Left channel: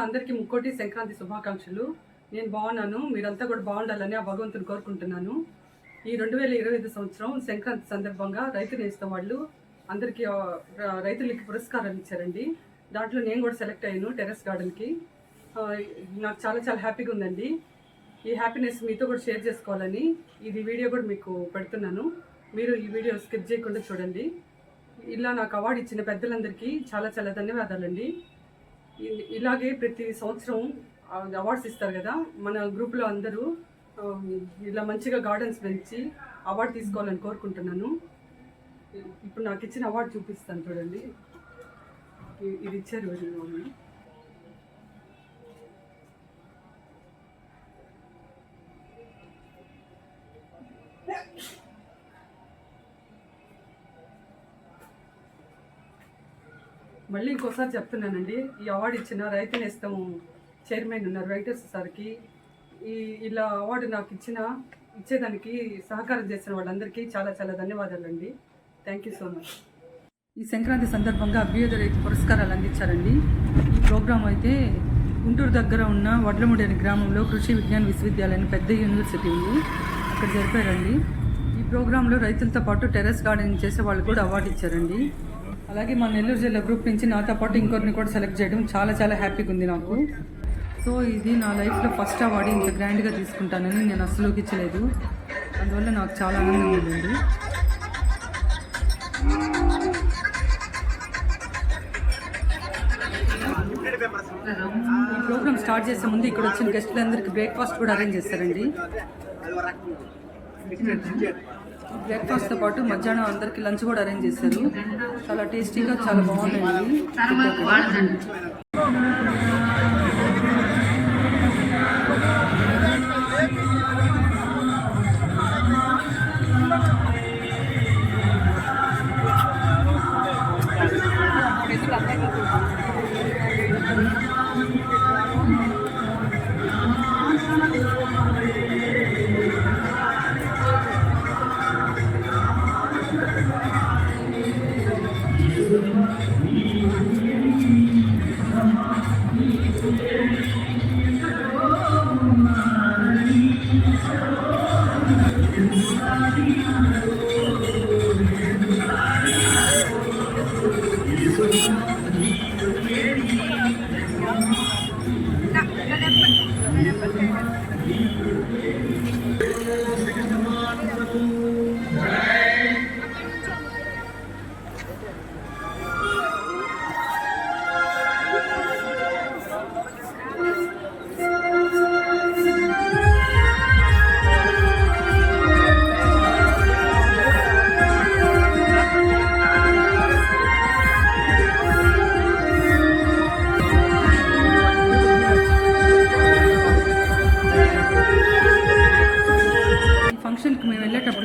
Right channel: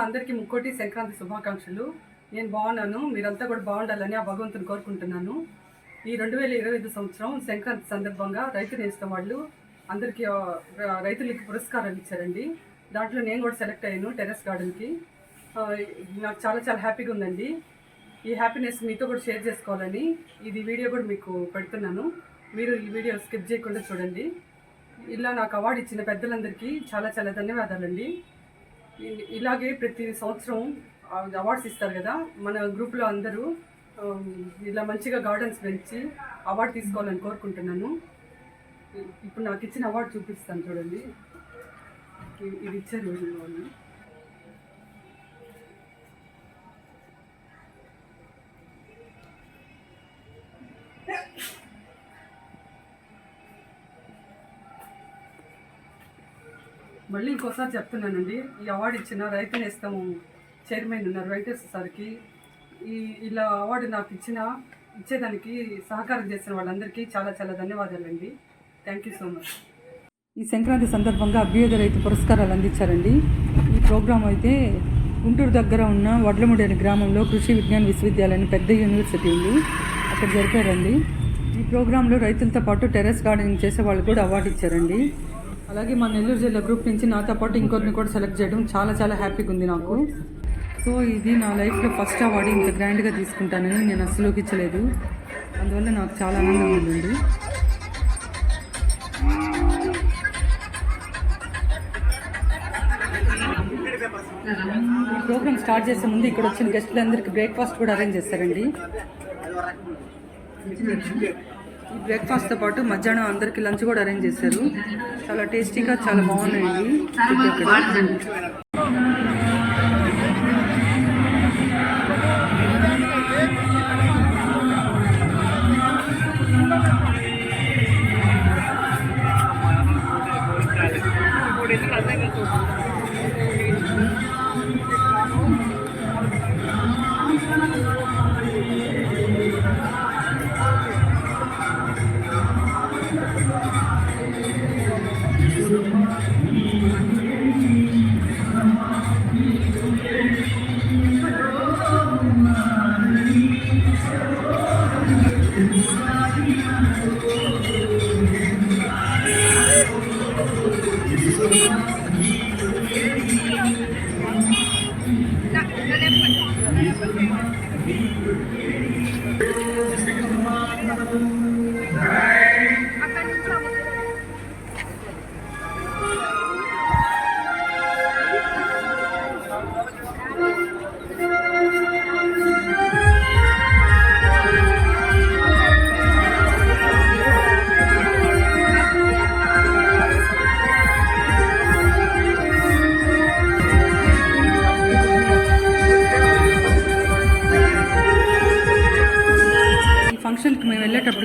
అందరికీ ముక్కోటి సంక్రాంతి శుభాకాంక్షలు. నేను బాగున్నాను మీరంతా కూడా బాగుండాలని ఆ భగవంతుని కోరుకుంటున్నాను. ఈ రెండు వేల ఇరవై ఐదు సంవత్సరం సంక్రాంతి సందర్భంగా రైతు నేస్తం వాళ్ళు అందరికీ రైతులకి పురస్కారాలు ఇచ్చారండి. దాంట్లో నేను కూడా సెలెక్ట్ అయ్యాను టెర్రస్ గార్డెన్కి. నాకు చాలా చాలా హ్యాపీగా ఉందండి. ఈ హ్యాపీనెస్ మీతో కూడా షేర్ చేసుకోవాలని ఇది వీడియో కూడా మీకు పెడుతున్నాను. మీరు ఈ వీడియో స్కిప్ చేయకుండా చూడండి. ఇలా నాకు అవార్డు ఇచ్చిన పెద్దలందరికీ చాలా చాలా ధన్యవాదాలండి. ఇలాగే ప్రతి సంవత్సరం అవార్డ్స్ ఇస్తారు కదా మన గ్రూప్లో అందరూ ఇలా మంచిగా గార్డెన్స్ పెంచి అవార్డు తీసుకోవాలని కోరుకుంటున్నాను ఇప్పుడు నాకు ఇచ్చిన అవార్డు చూపిస్తాను చూడండి ఇది ఇచ్చారు వాళ్ళు. మళ్ళీ ఇంకోసారి చెప్తున్నానండి ఈ అవార్డు ఇచ్చిన రైతు నేస్తం చైర్మన్ ఉన్నారు వెంకటేశ్వర సార్కి. ఈ ఇలా అవార్డు నాకు ఇచ్చిన ఇచ్చేదానికి సహకారం చేసిన వాళ్ళందరికీ చాలా చాలా ధన్యవాదాలండి. థ్యాంక్ యూ సో మచ్ ఈ సంక్రాంతి సందర్భంగా అభ్యుదయ రైతు పురస్కారాలు అందించారండి. ఈ ప్రోగ్రాం అయితే గుంటూరు దగ్గర ఉన్న వడ్లముడి అనే గ్రామంలో కృషి విజ్ఞాన విశ్వవిద్యాలయం పెద్ద యూనివర్సిటీ ఉంది. అక్కడ జరిపారండి. ఈ ప్రోగ్రాంలో రైతులతో పాటు టెర్రస్ గార్డెనింగ్ చేసే వాళ్ళు కూడా అవార్డు ఇచ్చారండి. అలాగే మా నెల్లూరు జిల్లా గ్రూప్ నుంచి నాతో పాటు ఇంకొకరిని కూడా సెలెక్ట్ చేయడం చాలా చాలా హ్యాపీగా ఉంది నాకు. సో ఇది నా లైఫ్లో ఫస్ట్ అవార్డు ఇంత గ్రాండ్గా తీసుకుంటానని నేను అస్సలు ఊహించలేదు. అందువల్ల నాకు చాలా ఆనందం ఉందండి. ప్రోగ్రామ్ స్టార్ట్ చేసే ముందు ఇక్కడ వచ్చిన గెస్టులందరికీ బ్రేక్ఫాస్ట్ కూడా అరేంజ్ చేస్తారండి. ఈ బ్రేక్ఫాస్ట్తో పాటు మధ్యాహ్నం అందరికీ లంచ్ కూడా అరేంజ్ చేశారు. చాలా టేస్టీగా చాలా బాగున్నాయండి ఇక్కడ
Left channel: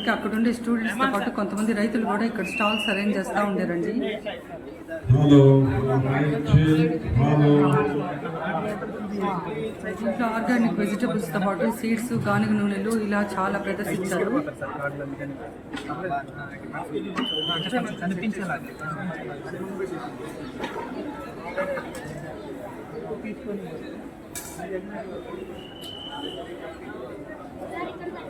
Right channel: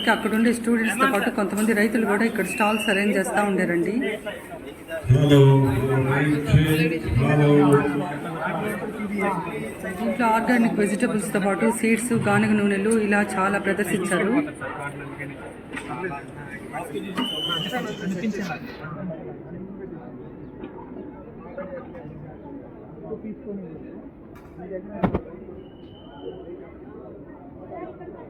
వెళ్ళేటప్పటికి అక్కడ ఉండే స్టూడెంట్స్తో పాటు కొంతమంది రైతులు కూడా ఇక్కడ స్టాల్స్ అరేంజ్ చేస్తూ ఉండారండి. దీంట్లో ఆర్గానిక్ వెజిటబుల్స్తో పాటు సీడ్స్ గానుగ నూనెలు ఇలా చాలా ప్రదర్శించారు. Hello hello mike check hello ఈ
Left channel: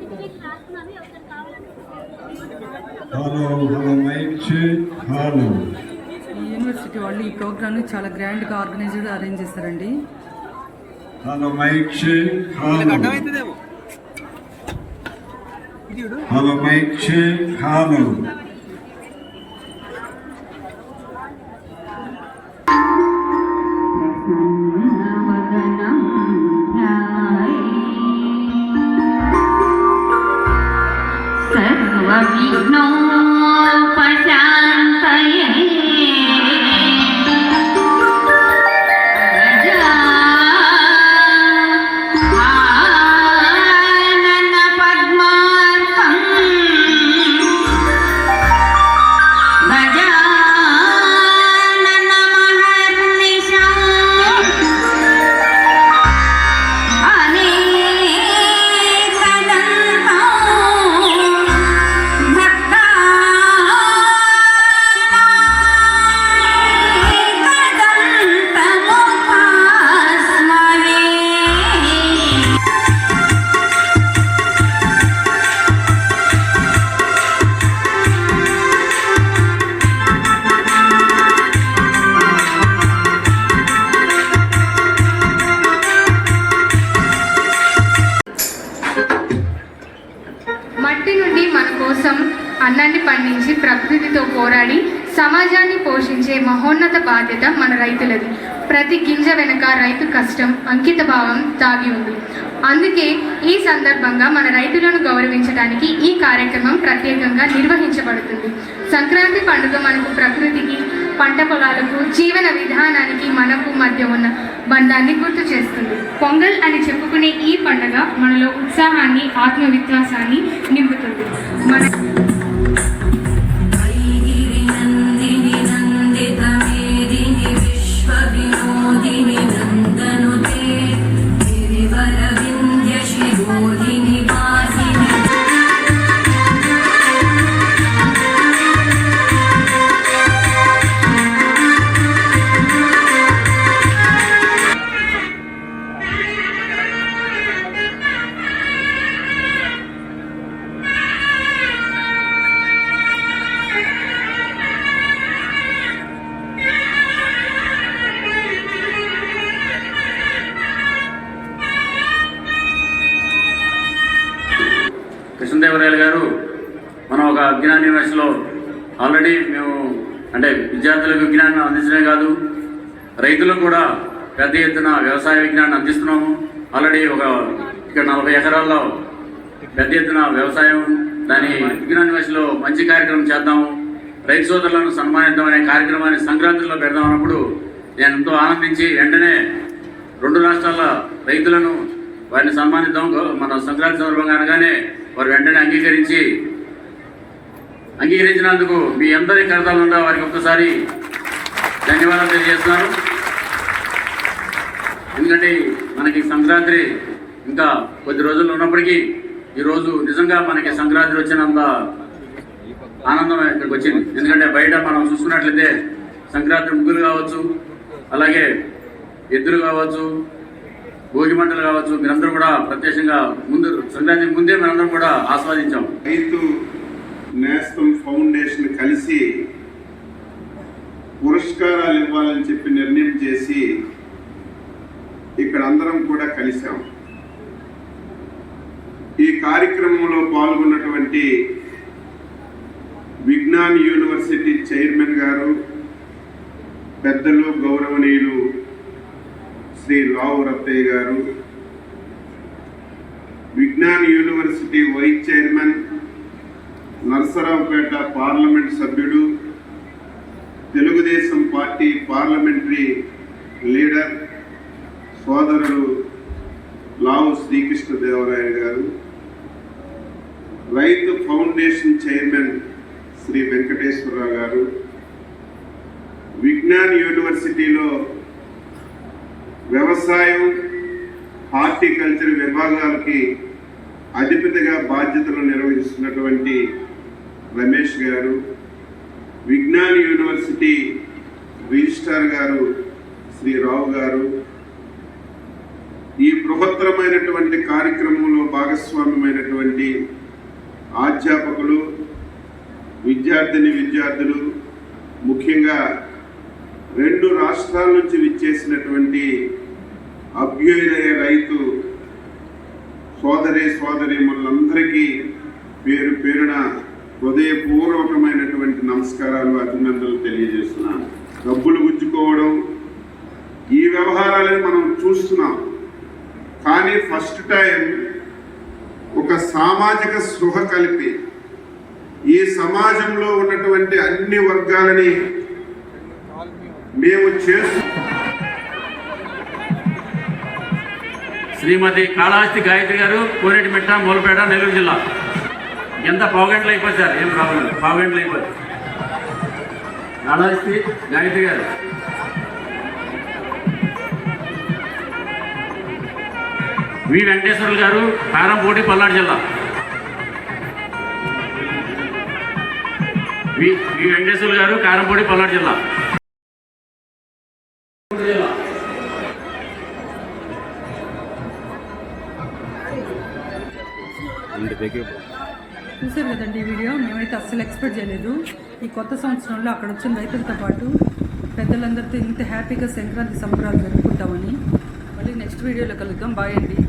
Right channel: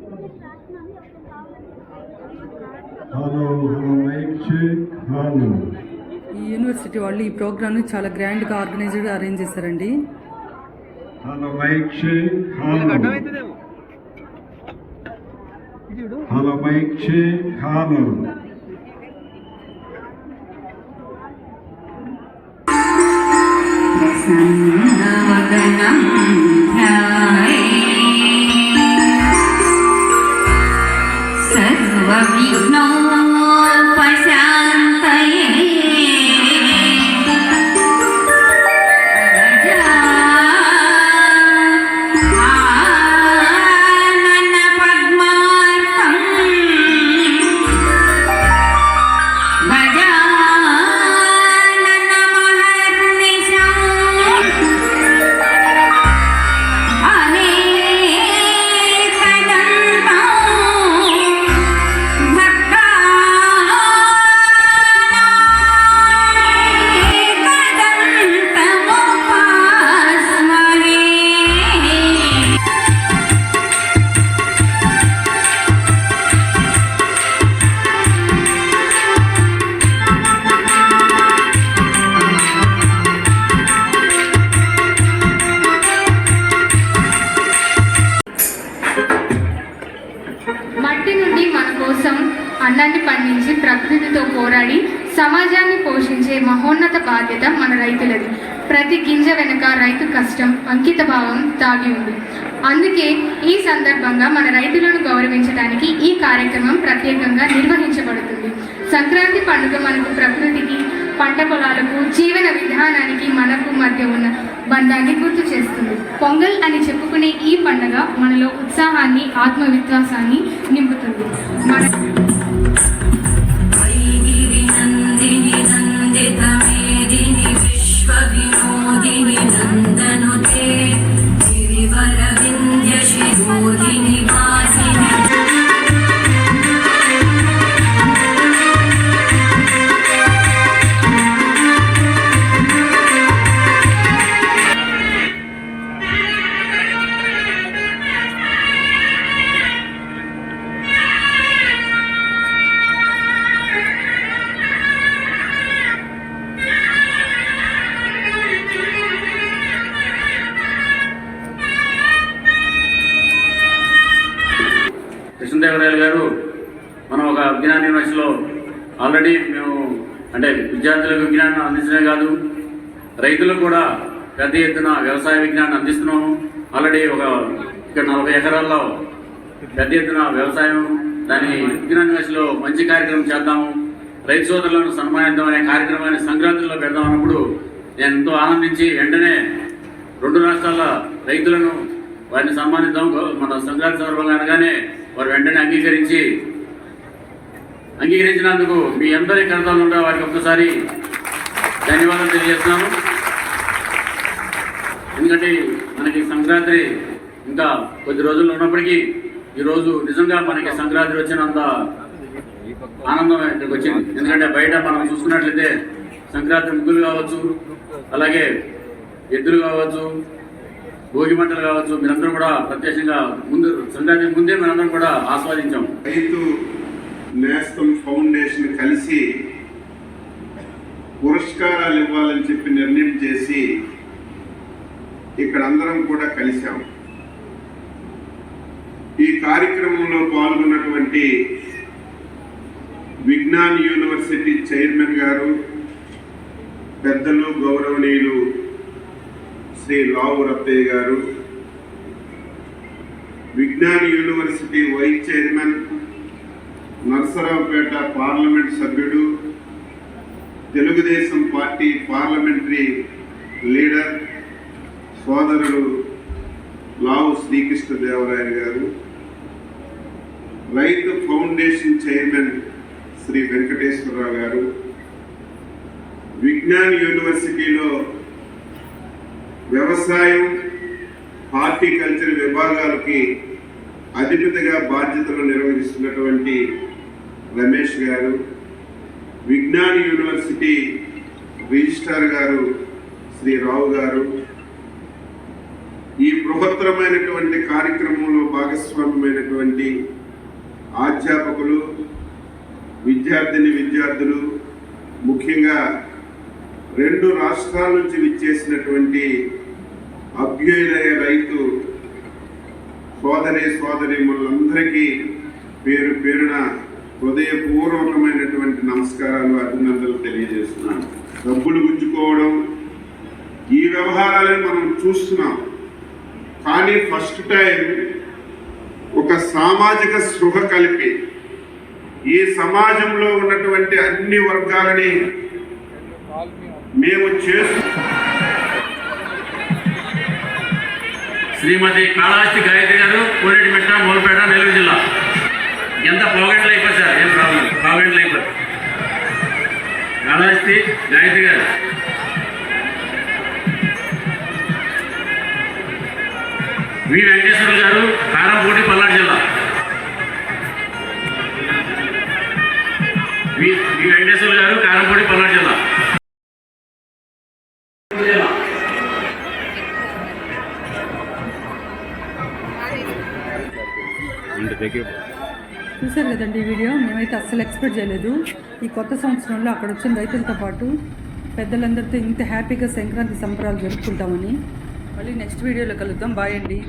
యూనివర్సిటీ వాళ్ళు ఈ ప్రోగ్రామ్ని చాలా గ్రాండ్గా ఆర్గనైజ్డ్గా అరేంజ్ చేశారండి హలో అన్నాన్ని పండించి ప్రకృతితో పోరాడి సమాజాన్ని పోషించే మహోన్నత బాధ్యత మన రైతులది. ప్రతి గింజ వెనుక రైతు కష్టం అంకిత భావం దాగి ఉంది. అందుకే ఈ సందర్భంగా మన రైతులను గౌరవించడానికి ఈ కార్యక్రమం ప్రత్యేకంగా నిర్వహించబడుతుంది. సంక్రాంతి పండుగ మనకు ప్రకృతికి పంట పొలాలకు జీవన విధానానికి మనకు మధ్య ఉన్న బంధాన్ని గుర్తు చేస్తుంది. పొంగల్ అని చెప్పుకునే ఈ పండుగ మనలో ఉత్సాహాన్ని ఆత్మవిశ్వాసాన్ని నింపుతుంది. మన Thank you. మనం ఒక విజ్ఞాన యూనివర్సిటీలో ఆల్రెడీ మేము అంటే విద్యార్థులకు విజ్ఞానం అందించడమే కాదు రైతులకు కూడా పెద్ద ఎత్తున వ్యవసాయ విజ్ఞానం అందిస్తున్నాము. ఆల్రెడీ ఒక ఇక్కడ నలభై ఎకరాల్లో పెద్ద ఎత్తున వ్యవసాయం దాని విజ్ఞాన యూనివర్సిటీలో మంచి కార్యక్రమం చేద్దాము. రైతు సోదరులను సన్మానిద్దాం అనే కార్యక్రమాన్ని సంక్రాంతిలో పెడదాం అన్నప్పుడు నేను ఎంతో ఆనందించి వెంటనే రెండు రాష్ట్రాల రైతులను వారిని సన్మానిద్దాం. మన సంక్రాంతి సందర్భంగా అనగానే వారు వెంటనే అంగీకరించి అంగీకరించినందుకు మీ అందరి కడతాలు ఉండా వారికి ఒక్కసారి ధన్యవాదాలు తెలియజేస్తున్నాను ఎందుకంటే మనకి సంక్రాంతి ఇంకా కొద్ది రోజులు ఉన్నప్పటికీ ఈరోజు నిజంగా మనకి సంక్రాంతి వచ్చినంత ఆనందం ఇక్కడికి వచ్చింది. ఎందుకంటే బయట మనం చూసుకున్నట్లయితే సంక్రాంతి ముగ్గులు కావచ్చు అలాగే ఎద్దులు కావచ్చు భోగి మంటలు కావచ్చు మీరందరూ కూడా ప్రత్యక్షంగా ముందు సంక్రాంతి ముందే మీరందరం కూడా ఆస్వాదించాం రైతు కలిసి పురస్కారాలు ఇవ్వాలని చెప్పి నిర్ణయం చేసి ఇక్కడ అందరం కూడా కలిశాం. ఈ కార్యక్రమంలో పాల్గొన్నటువంటి విజ్ఞాన్ యూనివర్సిటీ చైర్మన్ గారు పెద్దలు గౌరవనీయులు Shri Lavu Rattaiah garu Vignan university vice chairman Narasaraopet parliament సభ్యుడు తెలుగుదేశం పార్టీ పార్లమెంటరీ లీడర్ సోదరుడు లావు శ్రీకృష్ణదేవరాయ గారు రైతు ఫౌండేషన్ చైర్మన్ శ్రీ వెంకటేశ్వరరావు గారు విజ్ఞాన్ యూనివర్సిటీలో వ్యవసాయం హార్టికల్చర్ విభాగాలకి అధిపతిగా బాధ్యతలు నిర్వహిస్తున్నటువంటి రమేష్ గారు విజ్ఞాన్ యూనివర్సిటీ రిజిస్ట్రార్ గారు శ్రీ రావు గారు ఈ బృహత్తరమైనటువంటి కార్యక్రమంలో భాగస్వామ్యమైనటువంటి అధ్యాపకులు విద్యార్థిని విద్యార్థులు ముఖ్యంగా రెండు రాష్ట్రాల నుంచి విచ్చేసినటువంటి అభ్యుదయ రైతు సోదరి సోదరి మనందరికీ పేరు పేరున హృదయపూర్వకమైనటువంటి నమస్కారాలు అభినందనలు తెలియజేస్తున్నాను. డబ్బులు గుంజుకోవడం ఈ వ్యవహారాలను మనం చూస్తున్నాం. కానీ ఫస్ట్ టైం ఒక సామాజిక స్పృహ కలిపి ఈ సమాజంలో ఉన్నటువంటి అన్ని వర్గాలని మేము చేస్తు శ్రీమతి కాళాస్తి గాయత్రి గారు కోరేటిమిట్ట నూరుపేట నెల్లూరు జిల్లా. ఎంత పావుగంటలు అయిపోతుంది సార్? ఏం ప్రాబ్లం పావుగంటలు అయిపోతుంది కాళహస్తి గాయత్రి గారు. వి వెంకటేశ్వర గారు కారంపూడి పల్నాడు జిల్లా. వి వి వెంకటేశ్వర గారు కారంపూడి పల్నాడు జిల్లా. జిల్లా చూశారు కదండి ఈ వీడియో? మేమైతే అస్సలు ఎక్స్పెక్ట్ చేయలేదు. ఈ కొత్త సంవత్సరంలో అక్కడ వచ్చిన రైతులతో పాటు పెద్దలందరితో ఇంత హ్యాపీగా సంక్రాంతి సంబరాలు జరుపుకుంటామని. మళ్ళీ నెక్స్ట్ వీడియోలో కలుద్దాం. బాయ్ అండి.